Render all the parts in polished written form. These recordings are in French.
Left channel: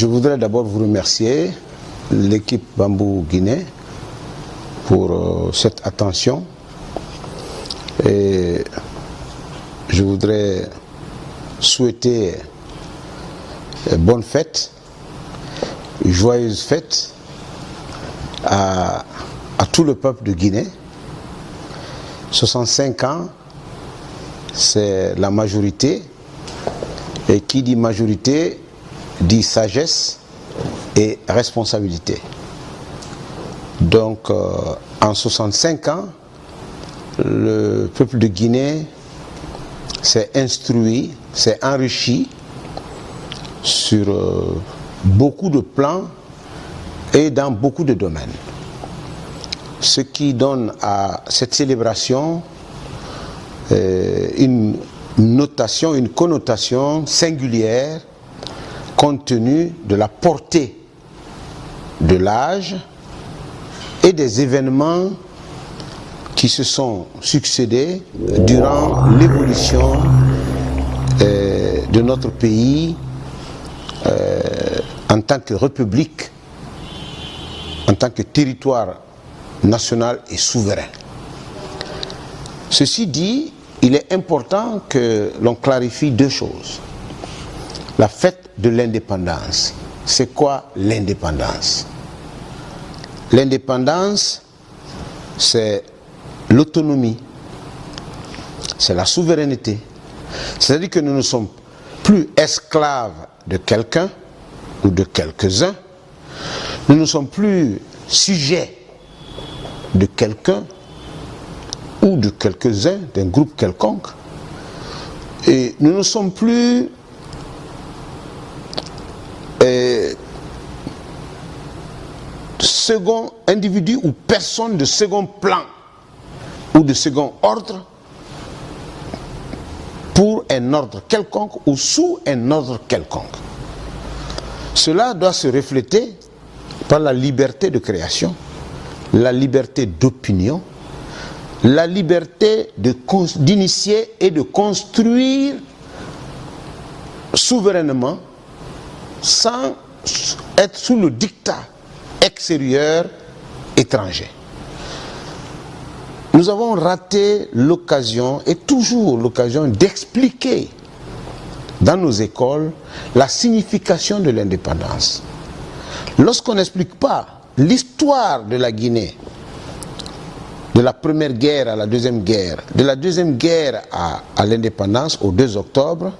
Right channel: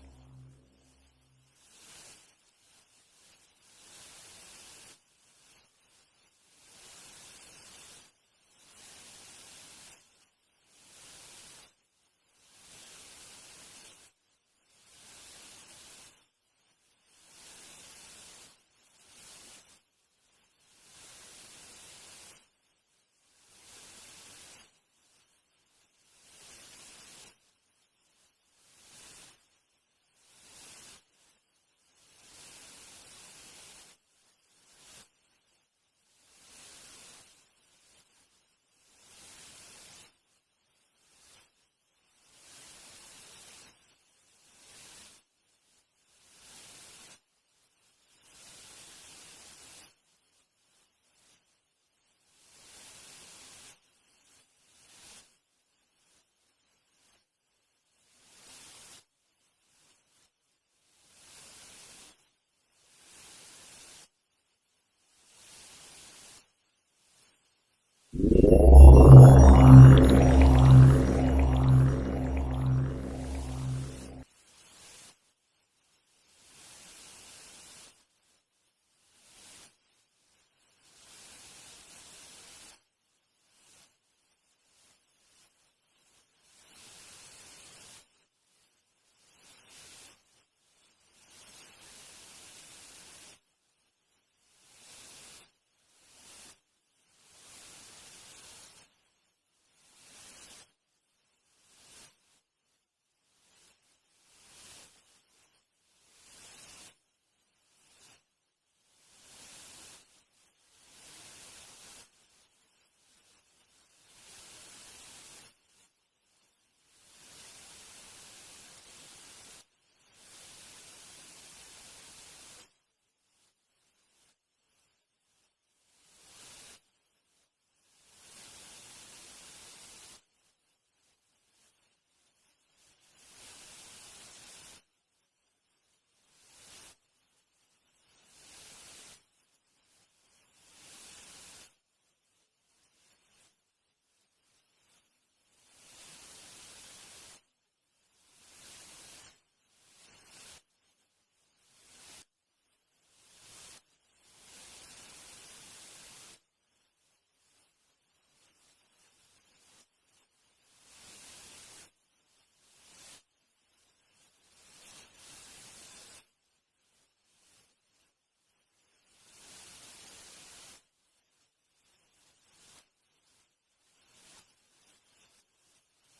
Je voudrais d'abord vous remercier, l'équipe Bambou Guinée, pour cette attention. Et je voudrais souhaiter bonne fête, joyeuse fête à tout le peuple de Guinée. 65 ans, c'est la majorité. Et qui dit majorité dit sagesse et responsabilité. Donc, en 65 ans, le peuple de Guinée s'est instruit, s'est enrichi sur beaucoup de plans et dans beaucoup de domaines. Ce qui donne à cette célébration une notation, une connotation singulière compte tenu de la portée de l'âge et des événements qui se sont succédés durant l'évolution de notre pays en tant que république, en tant que territoire national et souverain. Ceci dit, il est important que l'on clarifie deux choses. La fête de l'indépendance. C'est quoi l'indépendance? L'indépendance, c'est l'autonomie, c'est la souveraineté. C'est-à-dire que nous ne sommes plus esclaves de quelqu'un ou de quelques-uns. Nous ne sommes plus sujets de quelqu'un ou de quelques-uns, d'un groupe quelconque. Et nous ne sommes plus second individu ou personne de second plan ou de second ordre pour un ordre quelconque ou sous un ordre quelconque. Cela doit se refléter par la liberté de création, la liberté d'opinion, la liberté d'initier et de construire souverainement sans être sous le diktat extérieur étranger. Nous avons raté l'occasion et toujours l'occasion d'expliquer dans nos écoles la signification de l'indépendance. Lorsqu'on n'explique pas l'histoire de la Guinée, de la première guerre à la deuxième guerre, de la deuxième guerre à l'indépendance au 2 octobre,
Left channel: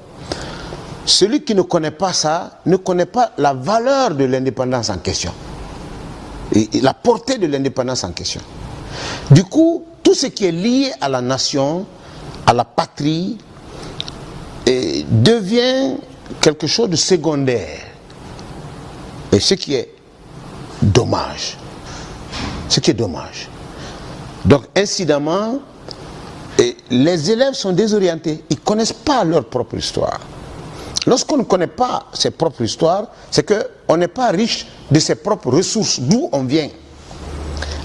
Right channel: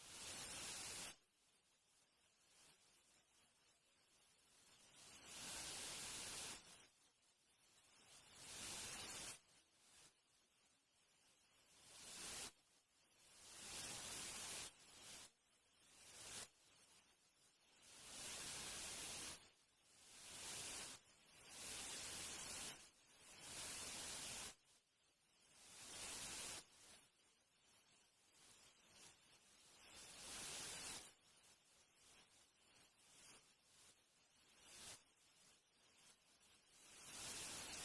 celui qui ne connaît pas ça ne connaît pas la valeur de l'indépendance en question et la portée de l'indépendance en question. Du coup, tout ce qui est lié à la nation, à la patrie, devient quelque chose de secondaire. Et ce qui est dommage. Ce qui est dommage. Donc, incidemment, les élèves sont désorientés. Ils ne connaissent pas leur propre histoire. Lorsqu'on ne connaît pas ses propres histoires, c'est qu'on n'est pas riche de ses propres ressources, d'où on vient.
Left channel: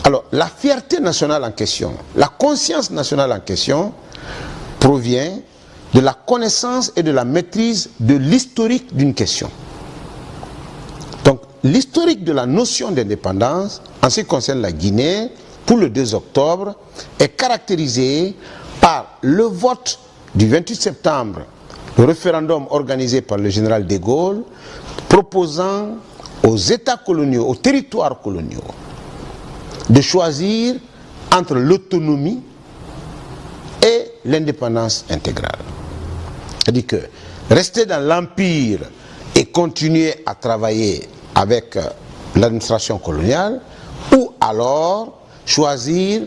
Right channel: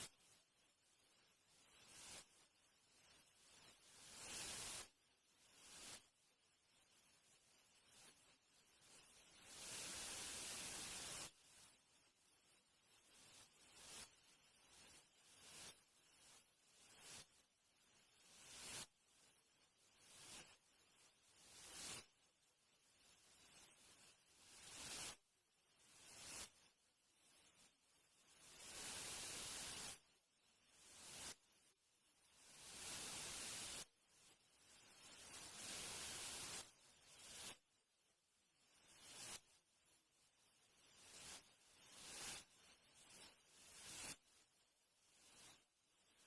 Alors, la fierté nationale en question, la conscience nationale en question, provient de la connaissance et de la maîtrise de l'historique d'une question. Donc, l'historique de la notion d'indépendance, en ce qui concerne la Guinée, pour le 2 octobre, est caractérisé par le vote du 28 septembre, le référendum organisé par le général de Gaulle, proposant aux États coloniaux, aux territoires coloniaux, de choisir entre l'autonomie et l'indépendance intégrale. C'est-à-dire que rester dans l'empire et continuer à travailler avec l'administration coloniale, ou alors choisir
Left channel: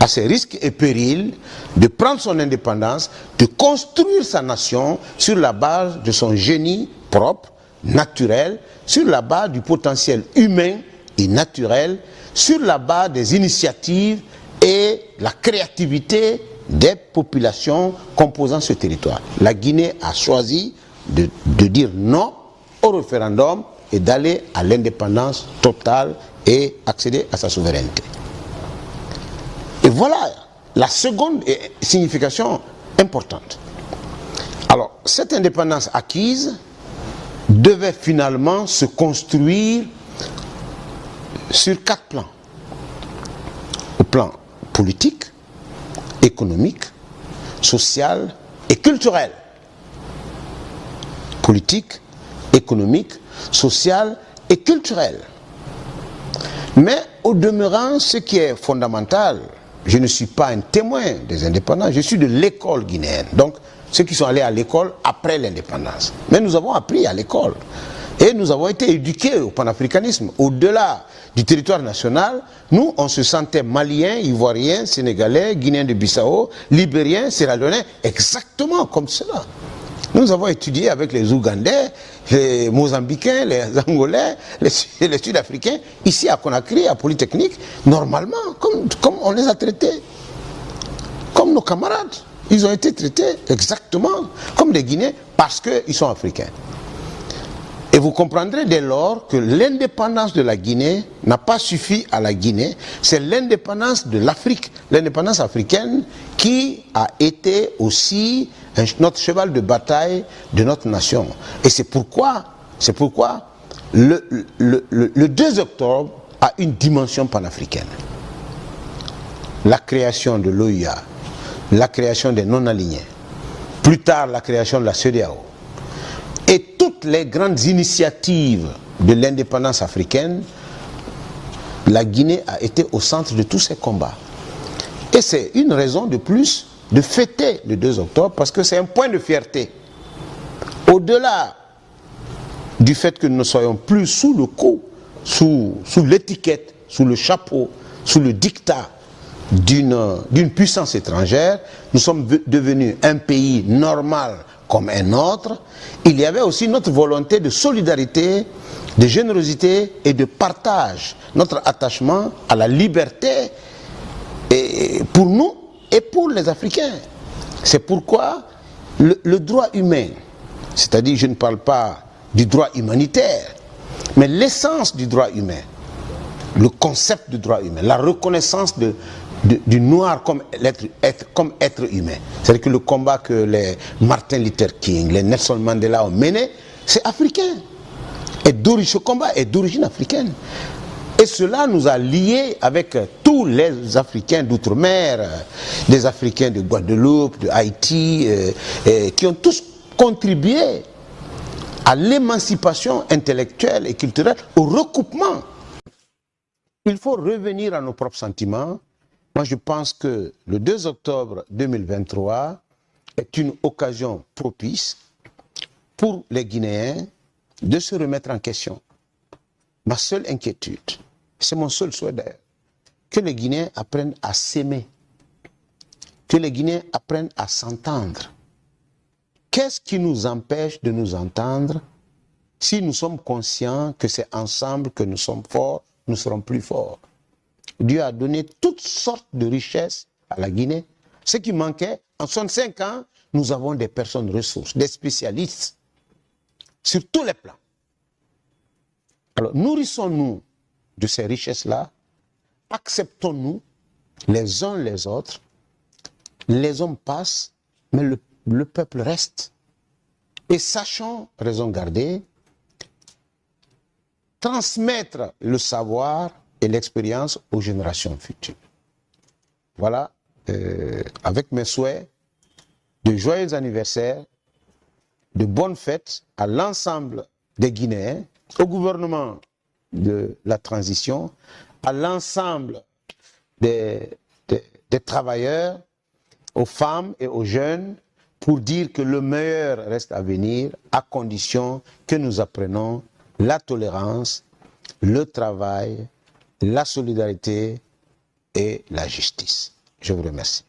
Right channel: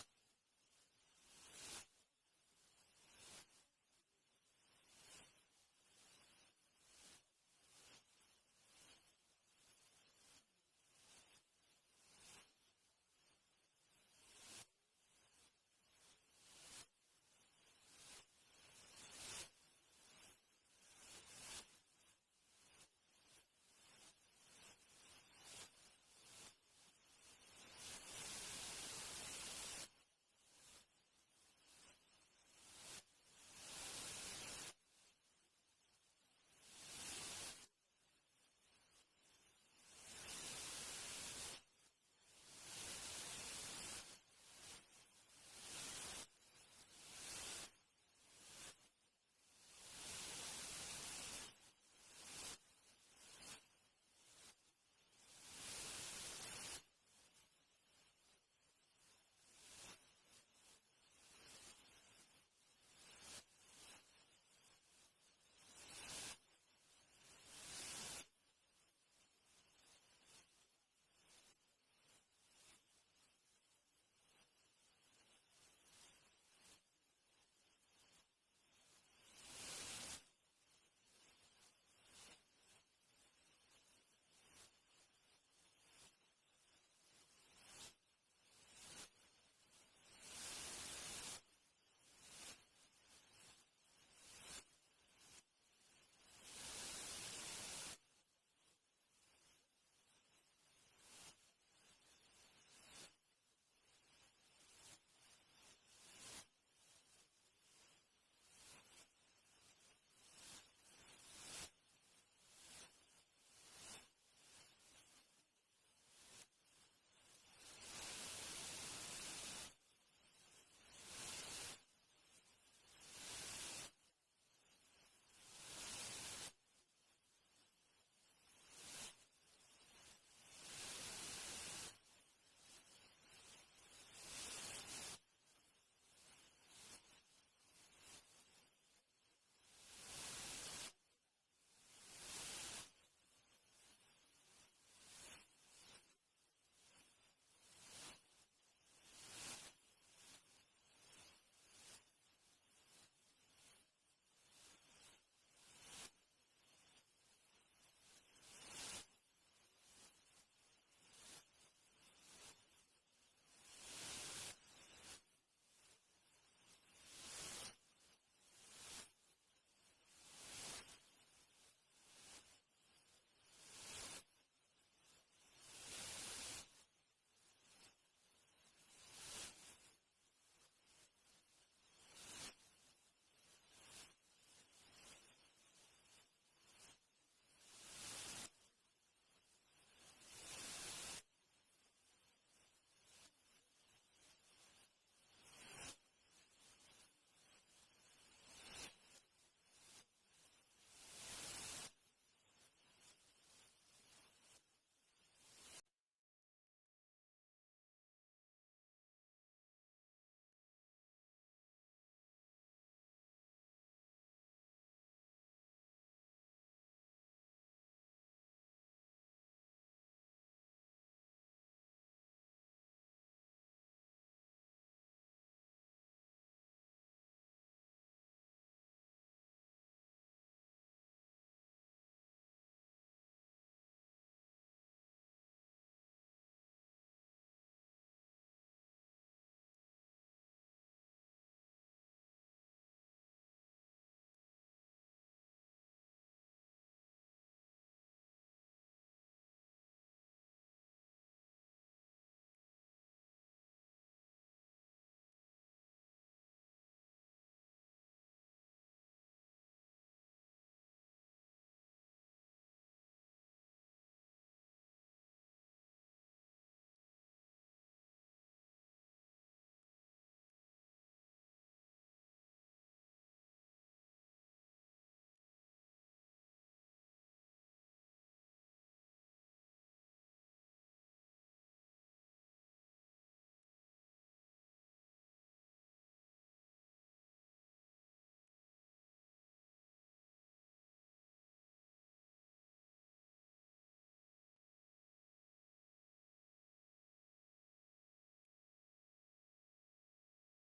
à ses risques et périls de prendre son indépendance, de construire sa nation sur la base de son génie propre, naturel, sur la base du potentiel humain et naturel, sur la base des initiatives et la créativité des populations composant ce territoire. La Guinée a choisi de dire non au référendum et d'aller à l'indépendance totale et accéder à sa souveraineté. Et voilà la seconde signification importante. Alors, cette indépendance acquise devait finalement se construire sur 4 plans. Au plan politique, économique, social et culturel. Politique, économique, social et culturel. Mais au demeurant, ce qui est fondamental, je ne suis pas un témoin des indépendants, je suis de l'école guinéenne. Donc, ceux qui sont allés à l'école après l'indépendance. Mais nous avons appris à l'école. Et nous avons été éduqués au panafricanisme. Au-delà du territoire national, nous, on se sentait maliens, ivoiriens, sénégalais, guinéens de Bissau, libériens, sierra-léonais, exactement comme cela. Nous avons étudié avec les Ougandais, les Mozambicains, les Angolais, les Sud-Africains, ici à Conakry, à Polytechnique, normalement, comme on les a traités. Comme nos camarades. Ils ont été traités exactement comme des Guinéens parce qu'ils sont africains. Et vous comprendrez dès lors que l'indépendance de la Guinée n'a pas suffi à la Guinée, c'est l'indépendance de l'Afrique, l'indépendance africaine qui a été aussi notre cheval de bataille de notre nation. Et c'est pourquoi le 2 octobre a une dimension panafricaine. La création de l'OUA, la création des non-alignés, plus tard la création de la CEDEAO, et toutes les grandes initiatives de l'indépendance africaine, la Guinée a été au centre de tous ces combats. Et c'est une raison de plus de fêter le 2 octobre parce que c'est un point de fierté. Au-delà du fait que nous ne soyons plus sous le coup, sous l'étiquette, sous le chapeau, sous le diktat d'une puissance étrangère, nous sommes devenus un pays normal comme un autre. Il y avait aussi notre volonté de solidarité, de générosité et de partage, notre attachement à la liberté et pour nous et pour les Africains. C'est pourquoi le droit humain, c'est-à-dire je ne parle pas du droit humanitaire, mais l'essence du droit humain, le concept du droit humain, la reconnaissance du noir comme être humain. C'est-à-dire que le combat que les Martin Luther King, les Nelson Mandela ont mené, c'est africain. Et ce combat est d'origine africaine. Et cela nous a liés avec tous les Africains d'outre-mer, des Africains de Guadeloupe, de Haïti, qui ont tous contribué à l'émancipation intellectuelle et culturelle, au recoupement. Il faut revenir à nos propres sentiments. Moi, je pense que le 2 octobre 2023 est une occasion propice pour les Guinéens de se remettre en question. Ma seule inquiétude, c'est mon seul souhait d'ailleurs, que les Guinéens apprennent à s'aimer, que les Guinéens apprennent à s'entendre. Qu'est-ce qui nous empêche de nous entendre si nous sommes conscients que c'est ensemble que nous sommes forts, nous serons plus forts? Dieu a donné toutes sortes de richesses à la Guinée. Ce qui manquait, en 65 ans, nous avons des personnes ressources, des spécialistes, sur tous les plans. Alors, nourrissons-nous de ces richesses-là, acceptons-nous les uns les autres, les hommes passent, mais le peuple reste. Et sachons, raison garder, transmettre le savoir et l'expérience aux générations futures. Voilà, avec mes souhaits de joyeux anniversaires, de bonnes fêtes à l'ensemble des Guinéens, au gouvernement de la transition, à l'ensemble des travailleurs, aux femmes et aux jeunes, pour dire que le meilleur reste à venir, à condition que nous apprenions la tolérance, le travail, la solidarité et la justice. Je vous remercie.